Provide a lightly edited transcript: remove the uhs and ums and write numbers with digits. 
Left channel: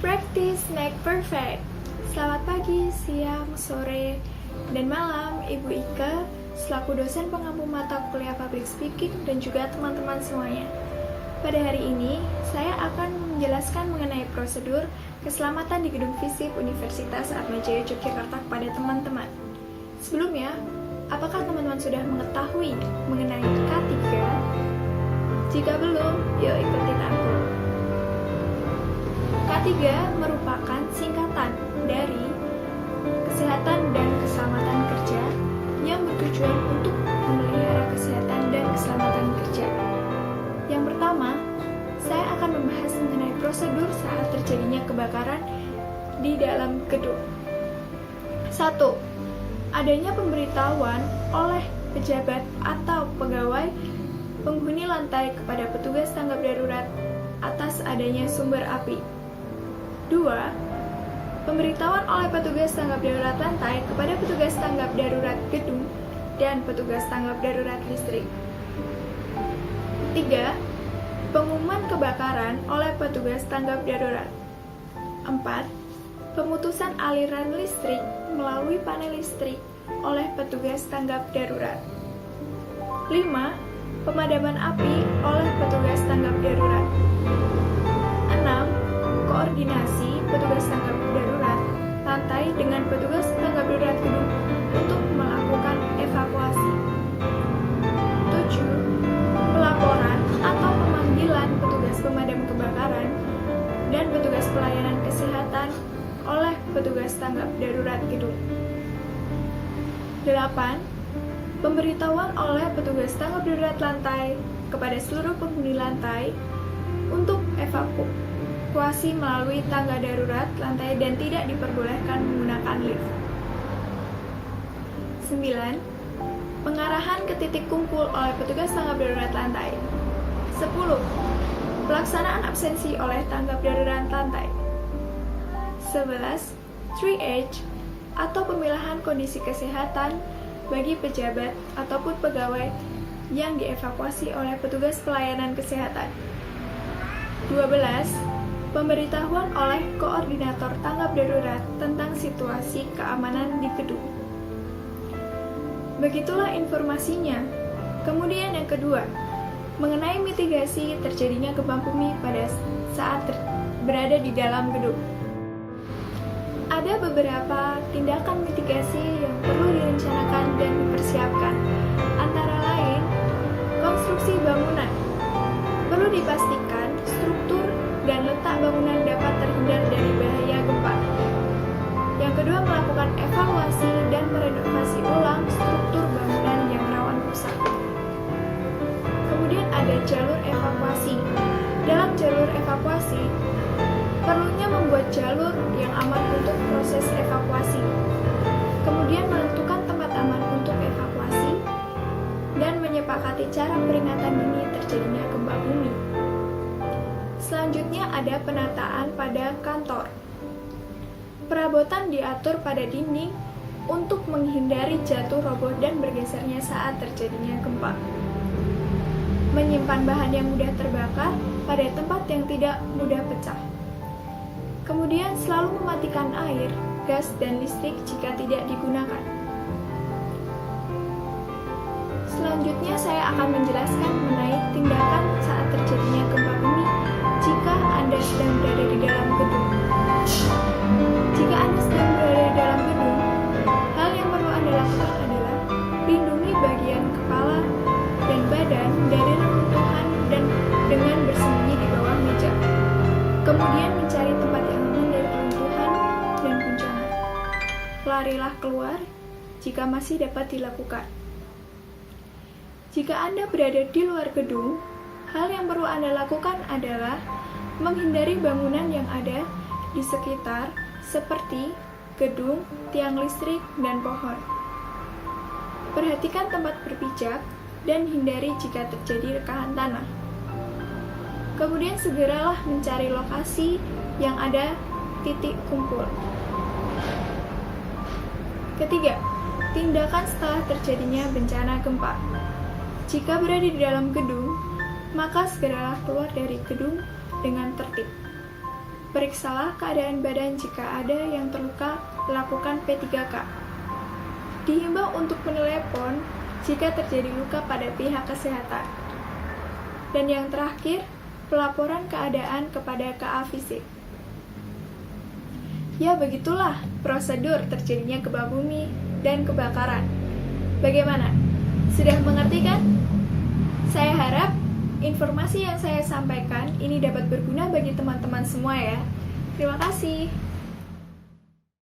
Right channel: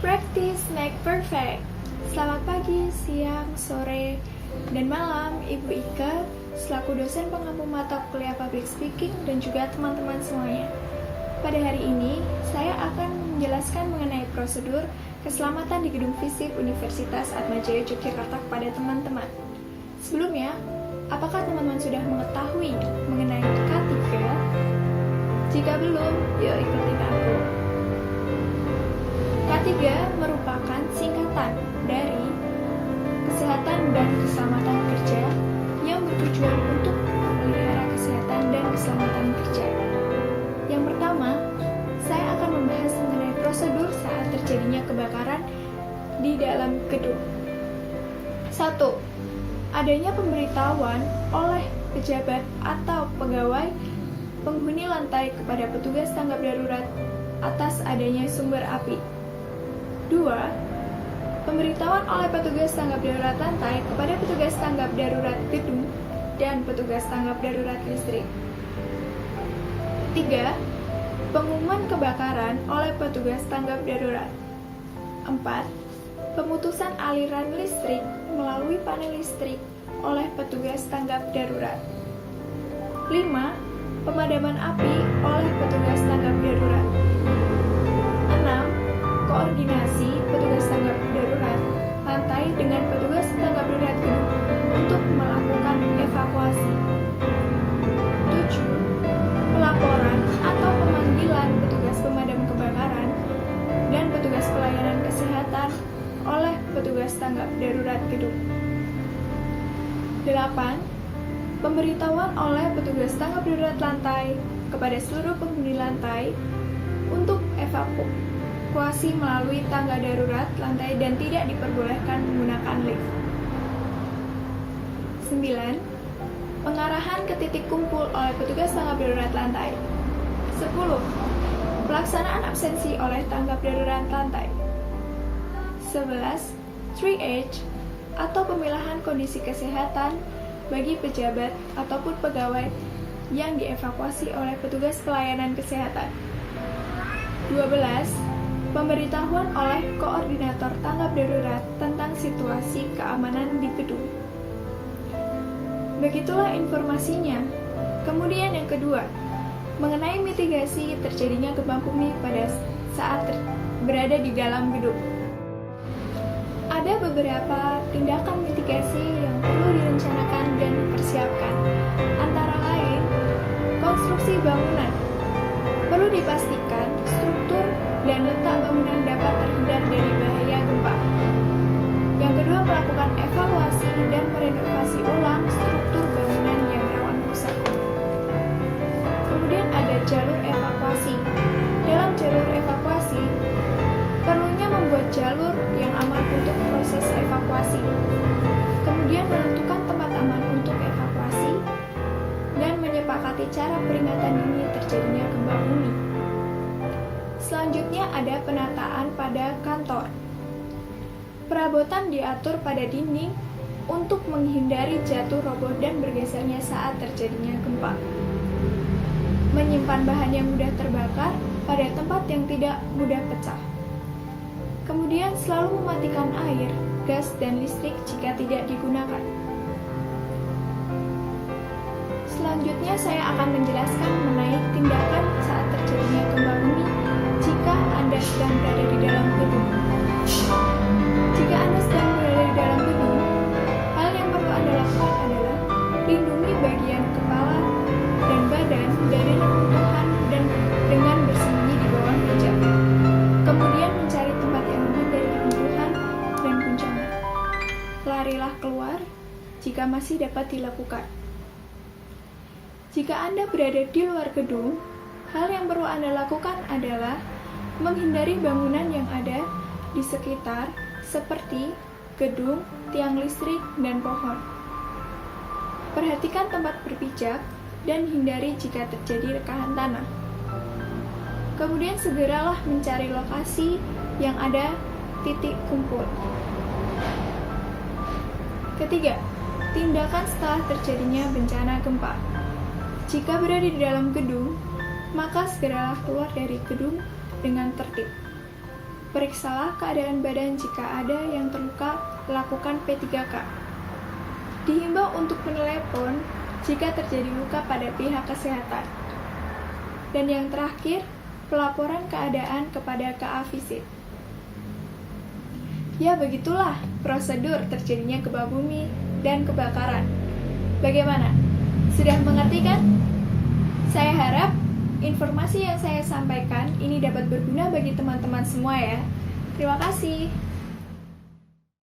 Practice make perfect. Selamat pagi, siang, sore, dan malam Ibu Ika, selaku dosen pengampu mata kuliah Public Speaking dan juga teman-teman semuanya. Pada hari ini, saya akan menjelaskan mengenai prosedur keselamatan di Gedung FISIP Universitas Atmajaya Yogyakarta kepada teman-teman. Sebelumnya, apakah teman-teman sudah mengetahui mengenai K3? Jika belum, yuk ikutin aku. K3 merupakan singkatan dari Kesehatan dan Keselamatan Kerja yang bertujuan untuk memelihara kesehatan dan keselamatan kerja. Yang pertama, saya akan membahas mengenai prosedur saat terjadinya kebakaran di dalam gedung. 1. Adanya pemberitahuan oleh pejabat atau pegawai penghuni lantai kepada petugas tanggap darurat atas adanya sumber api. 2. Pemberitahuan oleh petugas tanggap darurat lantai kepada petugas tanggap darurat gedung dan petugas tanggap darurat listrik. 3. Pengumuman kebakaran oleh petugas tanggap darurat. 4. Pemutusan aliran listrik melalui panel listrik oleh petugas tanggap darurat. 5. Pemadaman api oleh petugas tanggap darurat. 6. Koordinasi petugas tanggap darurat lantai dengan petugas tanggap darurat gedung untuk melakukan evakuasi. 7. Pelaporan atau pemanggilan petugas pemadam kebakaran dan petugas pelayanan kesehatan oleh petugas tanggap darurat gedung. 8. Pemberitahuan oleh petugas tanggap darurat lantai kepada seluruh penghuni lantai untuk evakuasi melalui tangga darurat lantai dan tidak diperbolehkan menggunakan lift. 9. Pengarahan ke titik kumpul oleh petugas tanggap darurat lantai. 10. Pelaksanaan absensi oleh tanggap darurat lantai. 11. 3H atau pemilahan kondisi kesehatan bagi pejabat ataupun pegawai yang dievakuasi oleh petugas pelayanan kesehatan. 12. Pemberitahuan oleh koordinator tanggap darurat tentang situasi keamanan di gedung. Begitulah informasinya. Kemudian yang kedua, mengenai mitigasi terjadinya gempa bumi pada saat berada di dalam gedung. Ada beberapa tindakan mitigasi yang perlu direncanakan dan dipersiapkan. Antara lain, konstruksi bangunan. Perlu dipastikan struktur dan letak bangunan dapat terhindar dari bahaya gempa. Yang kedua, melakukan evaluasi dan merenovasi ulang struktur bangunan yang rawan rusak. Kemudian ada jalur evakuasi. Dalam jalur evakuasi, perlunya membuat jalur yang aman untuk proses evakuasi. Kemudian menentukan tempat aman untuk evakuasi dan menyepakati cara peringatan dini terjadinya gempa bumi. Selanjutnya ada penataan pada kantor. Perabotan diatur pada dinding untuk menghindari jatuh roboh dan bergesernya saat terjadinya gempa. Menyimpan bahan yang mudah terbakar pada tempat yang tidak mudah pecah. Kemudian selalu mematikan air, gas, dan listrik jika tidak digunakan. Selanjutnya saya akan menjelaskan mengenai tindakan saat terjadinya gempa bumi jika Anda sedang berada di dalam gedung. Jika Anda sedang berada di dalam gedung, hal yang perlu Anda lakukan adalah lindungi bagian kepala dan badan dari reruntuhan dan dengan bersembunyi di bawah meja. Kemudian mencari tempat yang aman dari reruntuhan dan guncangan. Larilah keluar jika masih dapat dilakukan. Jika Anda berada di luar gedung, hal yang perlu Anda lakukan adalah menghindari bangunan yang ada di sekitar seperti gedung, tiang listrik, dan pohon. Perhatikan tempat berpijak dan hindari jika terjadi rekahan tanah. Kemudian segeralah mencari lokasi yang ada titik kumpul. Ketiga, tindakan setelah terjadinya bencana gempa. Jika berada di dalam gedung, maka segeralah keluar dari gedung dengan tertib. Periksalah keadaan badan jika ada yang terluka, lakukan P3K. Dihimbau untuk menelepon jika terjadi luka pada pihak kesehatan. Dan yang terakhir, pelaporan keadaan kepada KA Fisik. Ya begitulah prosedur terjadinya gempa bumi dan kebakaran. Bagaimana? Sudah mengerti kan? Saya harap informasi yang saya sampaikan ini dapat berguna bagi teman-teman semua ya. Terima kasih.